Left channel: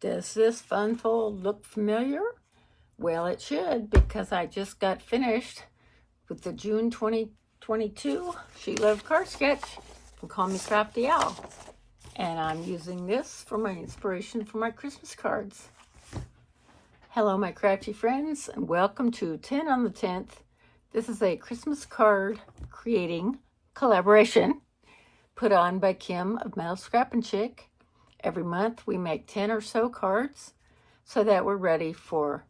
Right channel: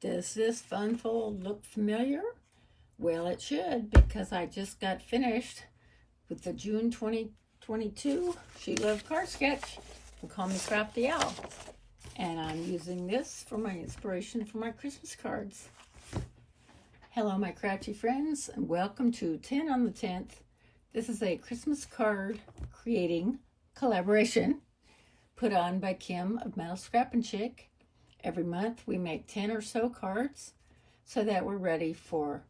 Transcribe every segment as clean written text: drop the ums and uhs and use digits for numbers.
Does this fun fold look familiar? Well, it should, because I just got finished with the June 2022 She Loves Card Sketch and Call Me Crafty Owl. And I'm using this for my inspiration for my Christmas cards. Hello, my crafty friends, and welcome to 10 on the 10th. This is a Christmas card creating collaboration put on by Kim of Metal Scrappin' Chick. Every month we make 10 or so cards so that we're ready for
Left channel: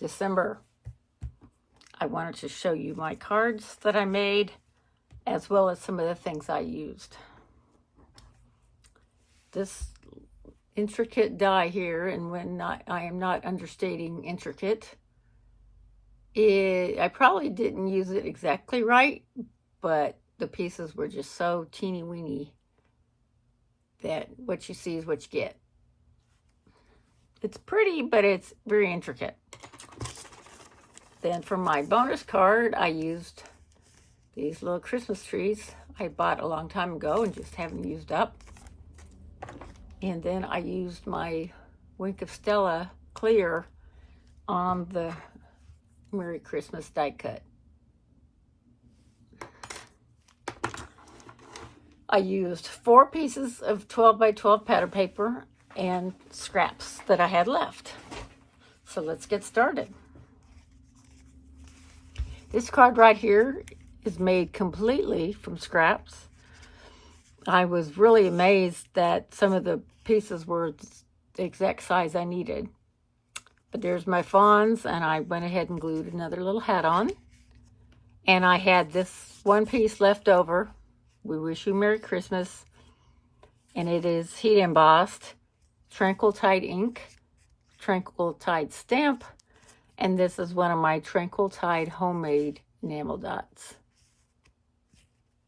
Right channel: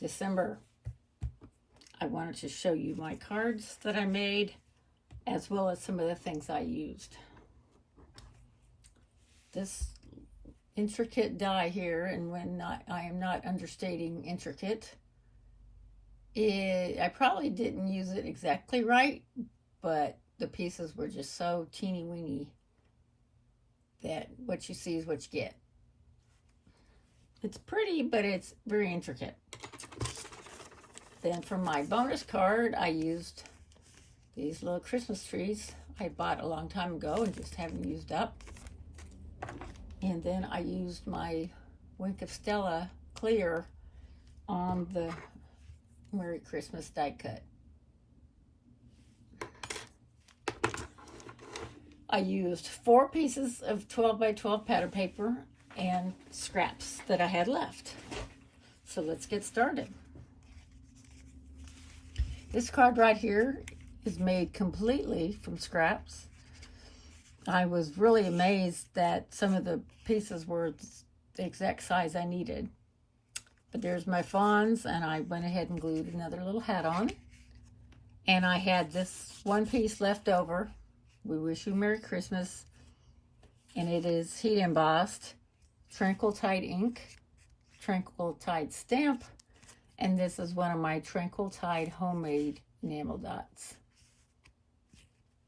December. I wanted to show you my cards that I made as well as some of the things I used. This intricate die here, and when I am not understating intricate, I probably didn't use it exactly right, but the pieces were just so teeny weeny that what you see is what you get. It's pretty, but it's very intricate. Then for my bonus card, I used these little Christmas trees I bought a long time ago and just haven't used up. And then I used my Wink of Stella clear on the Merry Christmas die cut. I used 4 pieces of 12 by 12 pattern paper and scraps that I had left. So let's get started. This card right here is made completely from scraps. I was really amazed that some of the pieces were the exact size I needed. But there's my fawns, and I went ahead and glued another little hat on. And I had this one piece left over. We Wish You Merry Christmas. And it is heat embossed, Tranquil Tide ink, Tranquil Tide stamp, and this is one of my Tranquil Tide homemade enamel dots.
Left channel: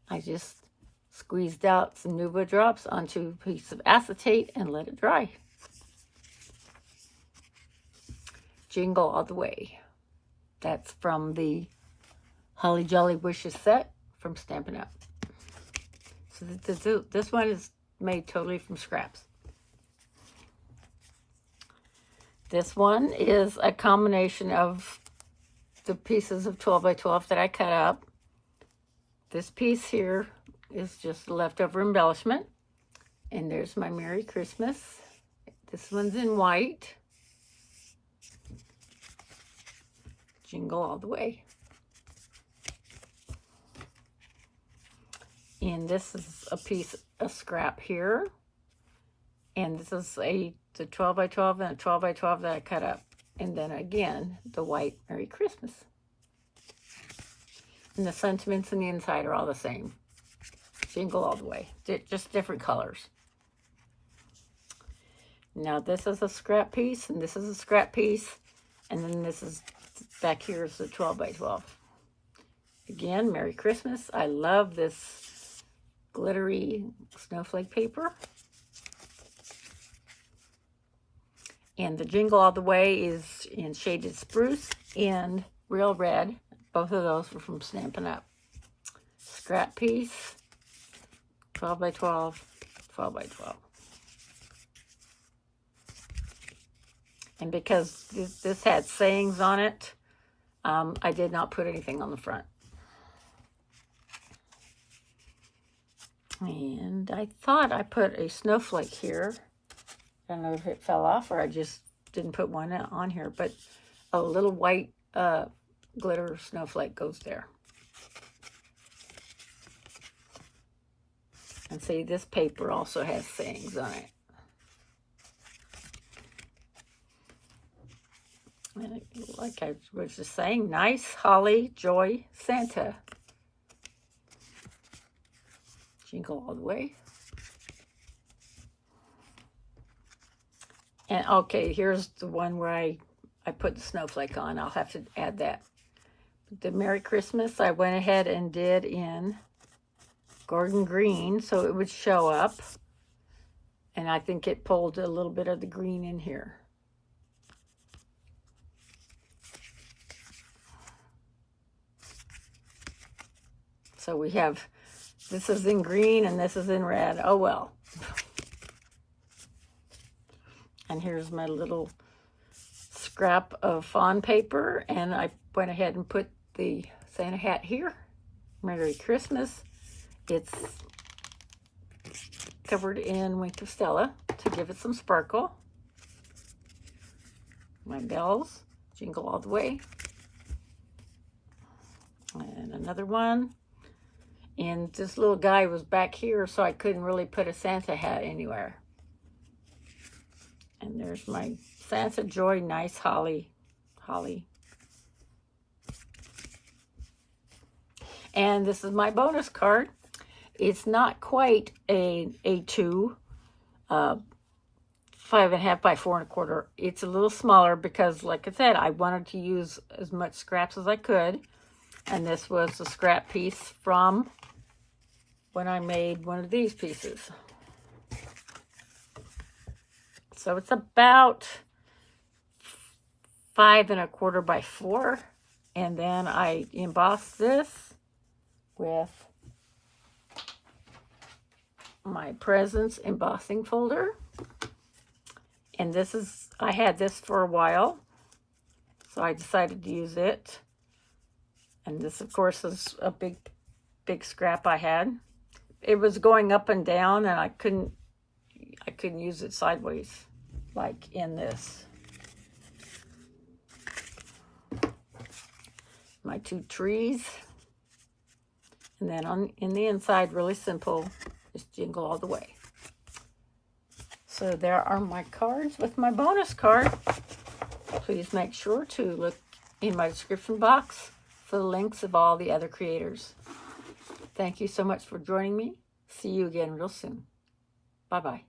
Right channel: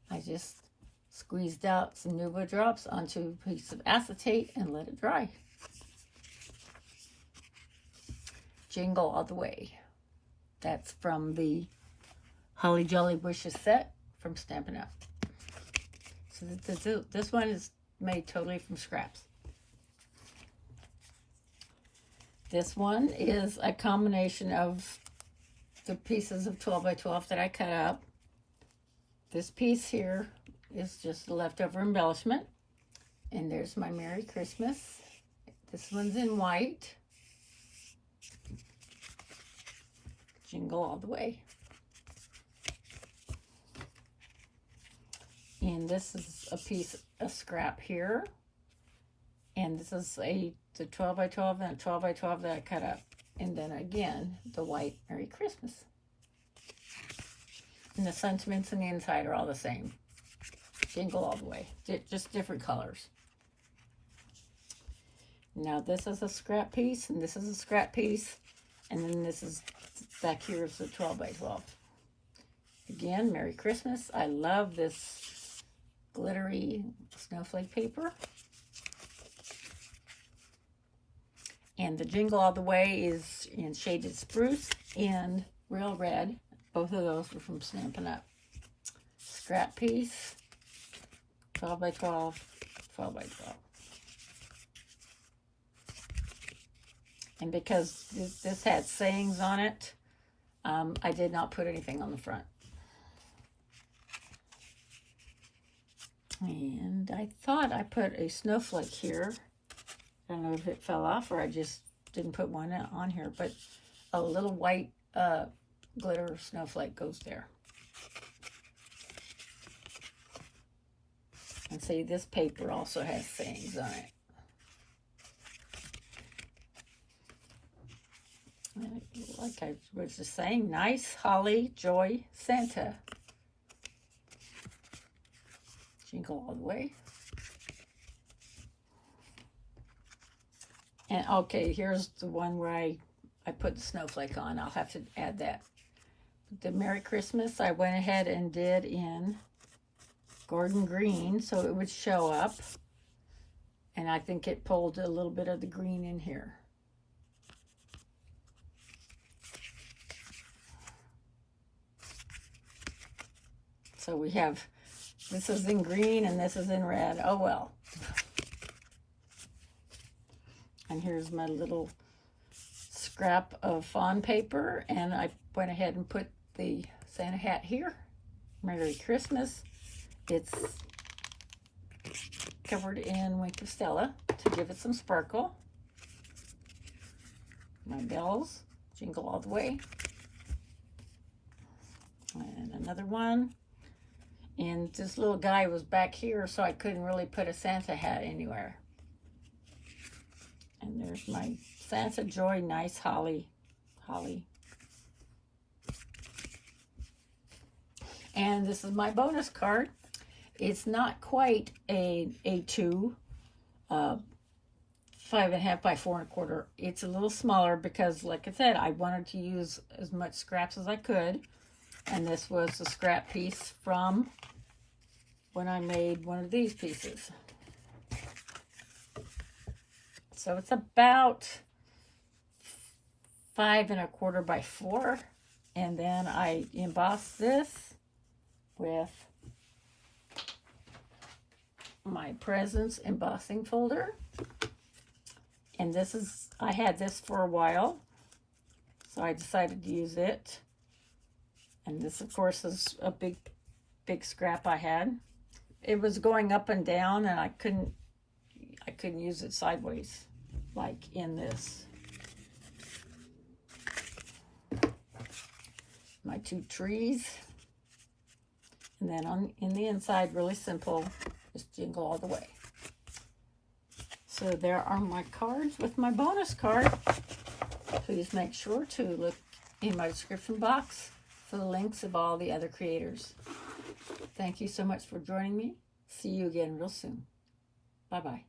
I just squeezed out some Nuva drops onto a piece of acetate and let it dry. Jingle All the Way. That's from the Holly Jolly Wishes set from Stampin' Up. So this one is made totally from scraps. This one is a combination of the pieces of 12 by 12 that I cut up. This piece here is just leftover embellishment. And there's my Merry Christmas. This one's in white. Jingle All the Way. And this is a piece of scrap here. And this is the 12 by 12 and a 12 by 12 that I cut up. And then again, the white Merry Christmas. And the sentiments on the inside are all the same. Jingle All the Way. Just different colors. Now this is a scrap piece, and this is a scrap piece. And then this is, back here is the 12 by 12. Again, Merry Christmas. I love this glittery snowflake paper. And the Jingle All the Way is in Shaded Spruce and Real Red. Both of those were from Stampin' Up. Scrap piece, 12 by 12, 12 by 12. And because this had sayings on it, I did not put anything on the front. And I thought I put a snowflake here. I don't know if it fell off or I just didn't put one on here, but a little white glitter snowflake goes there. And see, this paper also has sayings on it. And like I was just saying, nice, holly, joy, Santa. Jingle All the Way. And okay, here's the one where I put the snowflake on. I'll have to add that. The Merry Christmas, I went ahead and did in Gordon Green, so it would show up. And I think it pulled a little bit of the green in here. So we have, this is in green and this is in red. Oh well. And here's my little scrap of fawn paper, and I went ahead and put the Santa hat here. Merry Christmas. It's covered in Wink of Stella to give it some sparkle. My bells, jingle all the way. And another one. And this little guy was back here, so I couldn't really put a Santa hat anywhere. And there's my Santa Joy, nice holly. And this is my bonus card. It's not quite a A2, 5.5 by 4.25. It's a little smaller because, like I said, I wanted to use as much scraps as I could. And this was a scrap piece from when I made one of these pieces. So it's about 5.25 by 4. And then I embossed this with my presents embossing folder. And this is, I had this for a while, so I decided to use it. And this, of course, is a big scrap I had. It was going up and down, and I couldn't use it sideways, like in this. My 2 trees. And then in the inside, really simple, just jingle all the way. So there are my cards with my bonus card. Please make sure to look in my description box for the links of all the other creators. Thank you so much for joining me. See you again real soon. Bye-bye.